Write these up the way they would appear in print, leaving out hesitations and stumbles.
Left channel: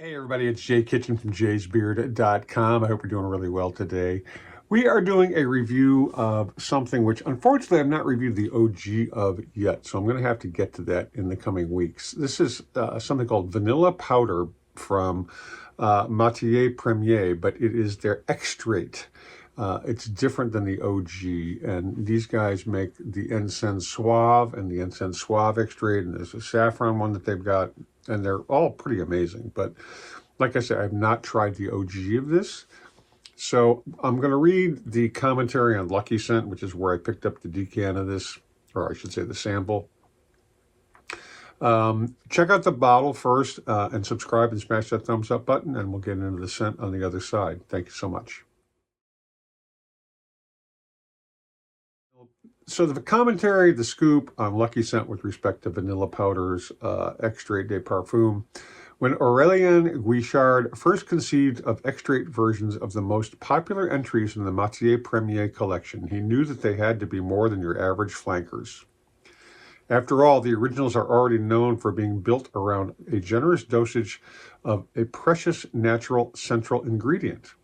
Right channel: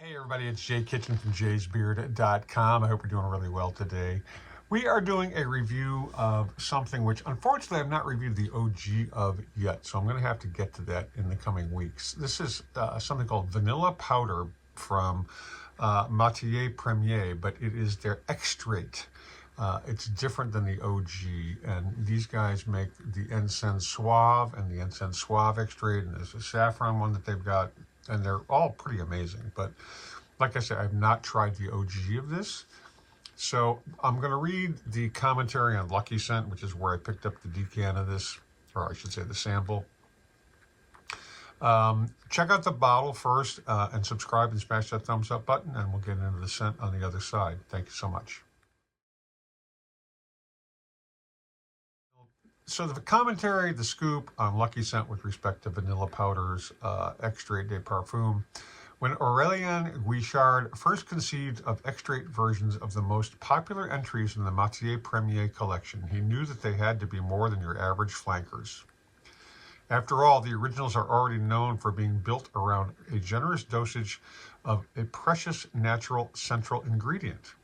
Hey everybody, it's Jay Kitchen from jaysbeard.com. I hope you're doing really well today. We are doing a review of something which unfortunately I've not reviewed the OG of yet, so I'm going to have to get to that in the coming weeks. This is something called Vanilla Powder from Matiere Premiere, but it is their Extrait. It's different than the OG, and these guys make the Incense Suave and the Incense Suave Extrait, and there's a saffron one that they've got, and they're all pretty amazing. But like I said, I've not tried the OG of this. So I'm going to read the commentary on Lucky Scent, which is where I picked up the decan of this, or I should say the sample. Check out the bottle first and subscribe and smash that thumbs up button, and we'll get into the scent on the other side. Thank you so much. So the commentary, the scoop on Lucky Scent with respect to Vanilla Powder's Extrait de Parfum. When Aurélien Guichard first conceived of extrait versions of the most popular entries in the Matiere Premiere collection, he knew that they had to be more than your average flankers. After all, the originals are already known for being built around a generous dosage of a precious natural central ingredient.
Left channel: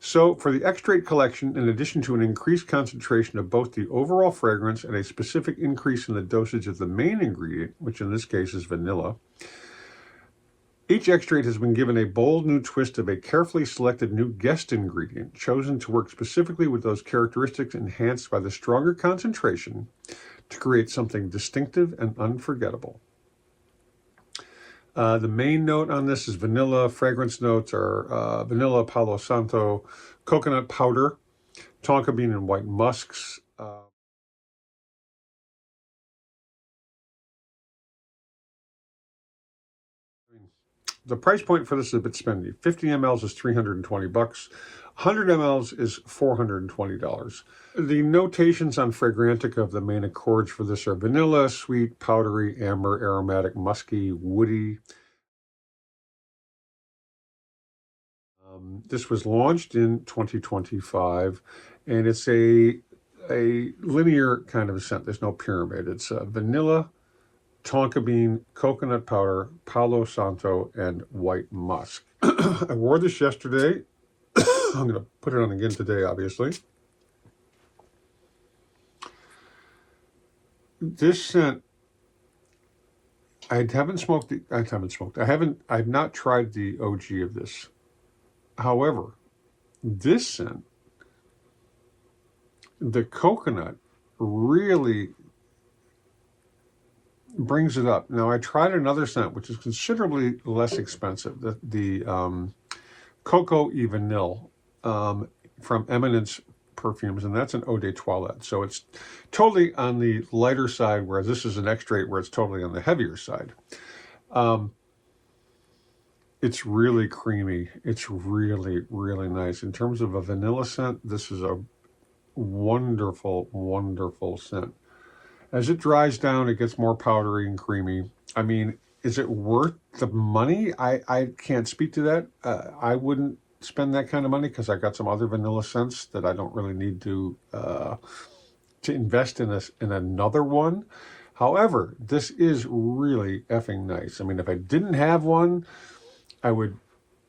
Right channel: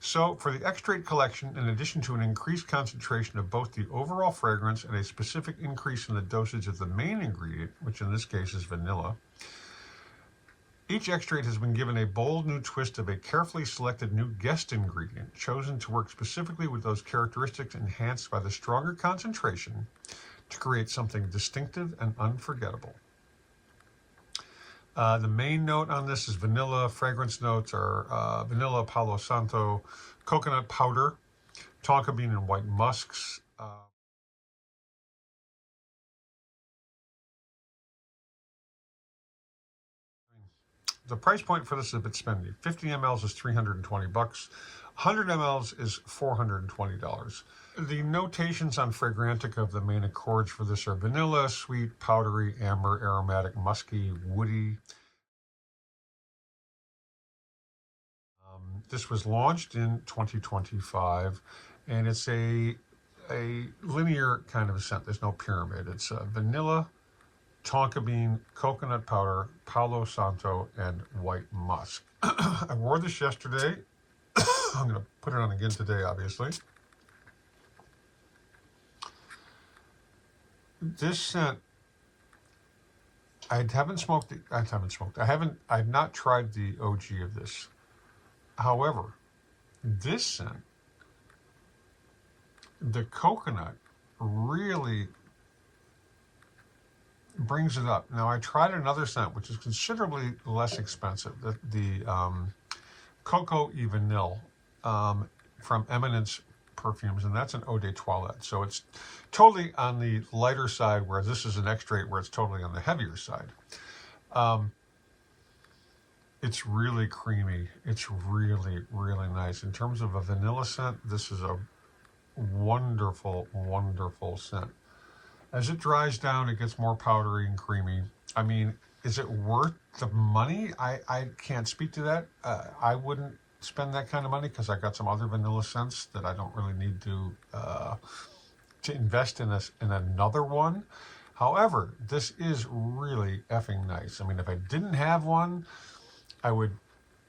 So for the Extrait Collection, in addition to an increased concentration of both the overall fragrance and a specific increase in the dosage of the main ingredient, which in this case is vanilla, each extrait has been given a bold new twist of a carefully selected new guest ingredient, chosen to work specifically with those characteristics enhanced by the stronger concentration to create something distinctive and unforgettable. The main note on this is vanilla. Fragrance notes are vanilla, Palo Santo, coconut powder, tonka bean, and white musks. The price point for this is a bit spendy. 50 mLs is $320. 100 mLs is $420. The notations on Fragrantica of the main accords for this are vanilla, sweet, powdery, amber, aromatic, musky, woody. This was launched in 2025, and it's a linear kind of a scent. There's no pyramid. It's vanilla, tonka bean, coconut powder, Palo Santo, and white musk. I wore this yesterday. I'm going to put it on again today, obviously. This scent, I've not tried the OG of this. However, this scent, the coconut really brings it up. Now, I tried another scent, which is considerably less expensive, the Coco et Vanille from Eminence Perfumes, and that's an Eau de Toilette. So it's totally on the lighter side, where this is an Extrait where it's totally on the heavier side. It's really creamy. It's really, really nice. In terms of a vanilla scent, this is a wonderful, wonderful scent. As it dries down, it gets more powdery and creamy. I mean, is it worth the money? I can't speak to that. I wouldn't spend that kind of money because I got some other vanilla scents that I don't really need to invest in another one. However, this is really effing nice. I mean, if I didn't have one, I would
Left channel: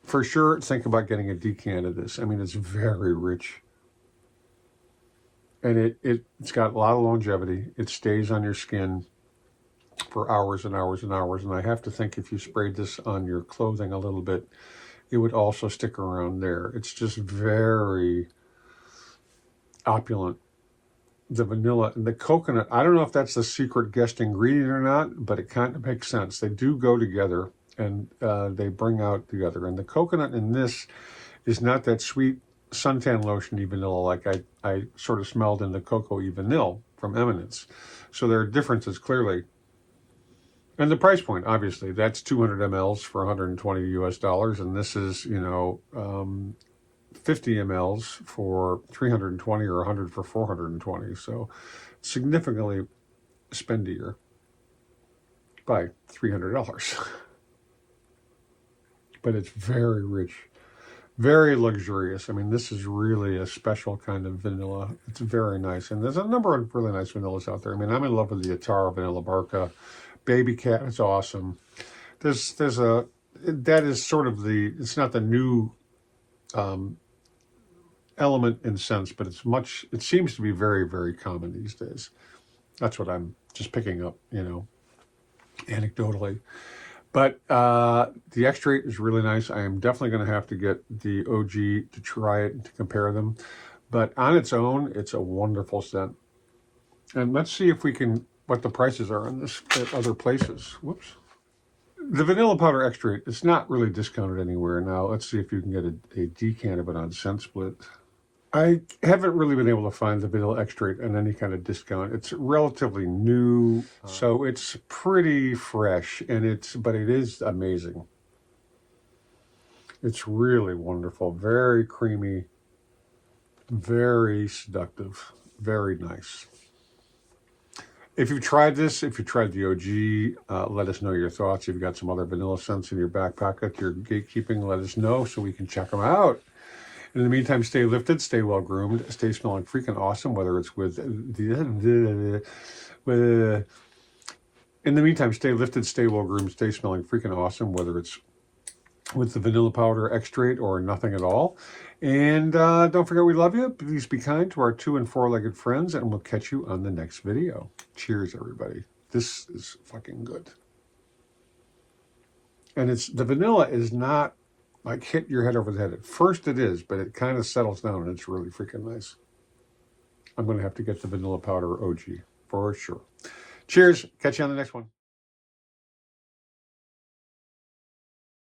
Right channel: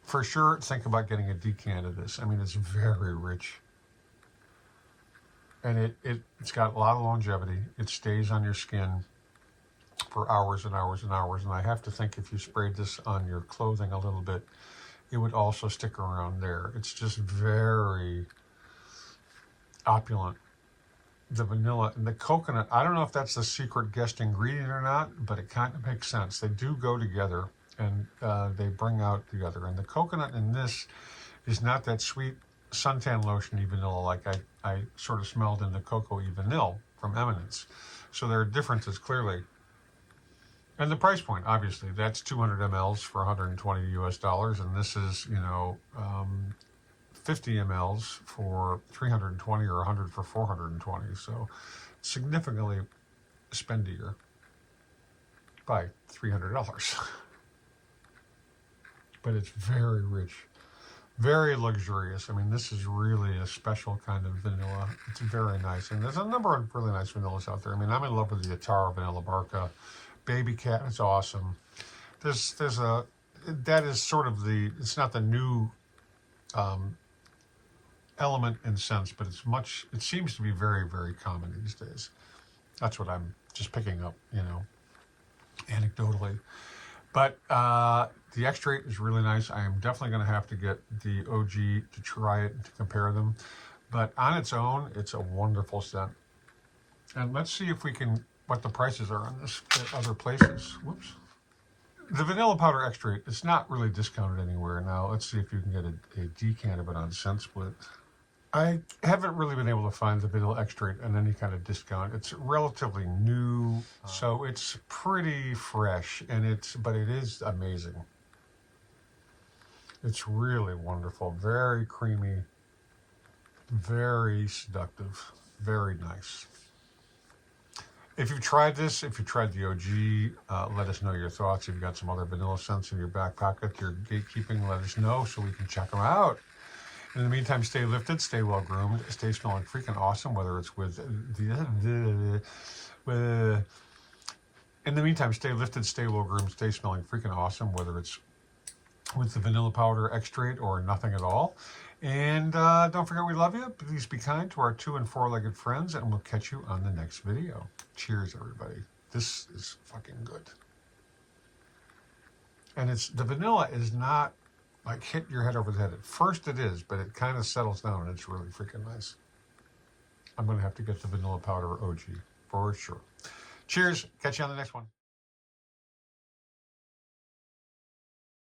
for sure think about getting a decan of this. I mean, it's very rich. And it's got a lot of longevity. It stays on your skin for hours and hours and hours. And I have to think if you sprayed this on your clothing a little bit, it would also stick around there. It's just very opulent. The vanilla and the coconut, I don't know if that's the secret guest ingredient or not, but it kind of makes sense. They do go together, and they bring out the other. And the coconut in this is not that sweet suntan lotion-y vanilla like I sort of smelled in the Coco et Vanille from Eminence. So there are differences clearly. And the price point, obviously, that's 200 mLs for $120 US, and this is, 50 mLs for $320 or 100 for $420. So significantly spendier by $300. But it's very rich, very luxurious. I mean, this is really a special kind of vanilla. It's very nice. And there's a number of really nice vanillas out there. I mean, I'm in love with the Atara Vanilla Barca. Baby Cat is awesome. There's that is sort of it's not the new element in sense, but it seems to be very, very common these days. That's what I'm just picking up, anecdotally. But the extrait is really nice. I am definitely going to have to get the OG to try it and to compare them. But on its own, it's a wonderful scent. And let's see if what the prices are on this at other places. Whoops. The vanilla powder extrait, it's not really discounted anywhere. Now, let's see if you can get a decant of it on ScentSplit. I haven't really been able to find the vanilla extrait on any kind of discount. It's relatively new, so it's pretty fresh, but it is amazing. It's really wonderful, very creamy, very seductive, very nice. If you've tried this, if you tried the OG, let us know your thoughts. If you've got some other vanilla scents in your back pocket, you're gatekeeping, let us know so we can check them out. In the meantime, stay lifted, stay well groomed, stay smelling freaking awesome, whether it's with in the meantime, stay lifted, stay well groomed, stay smelling freaking awesome, whether it's with the vanilla powder extrait or nothing at all. And don't forget we love you. Please be kind to our 2- and 4-legged friends, and we'll catch you on the next video. Cheers, everybody. This is fucking good. And the vanilla is not like hit your head over the head. At first it is, but it kind of settles down and it's really freaking nice. I'm going to have to get the vanilla powder OG for sure. Cheers. Catch you on the next one.